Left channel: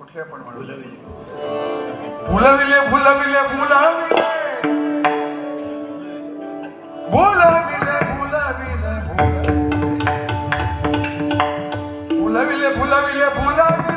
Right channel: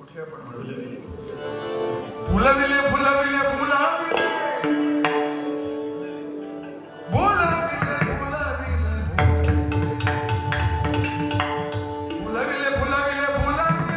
कुठले पण Bunlar bile bunlar.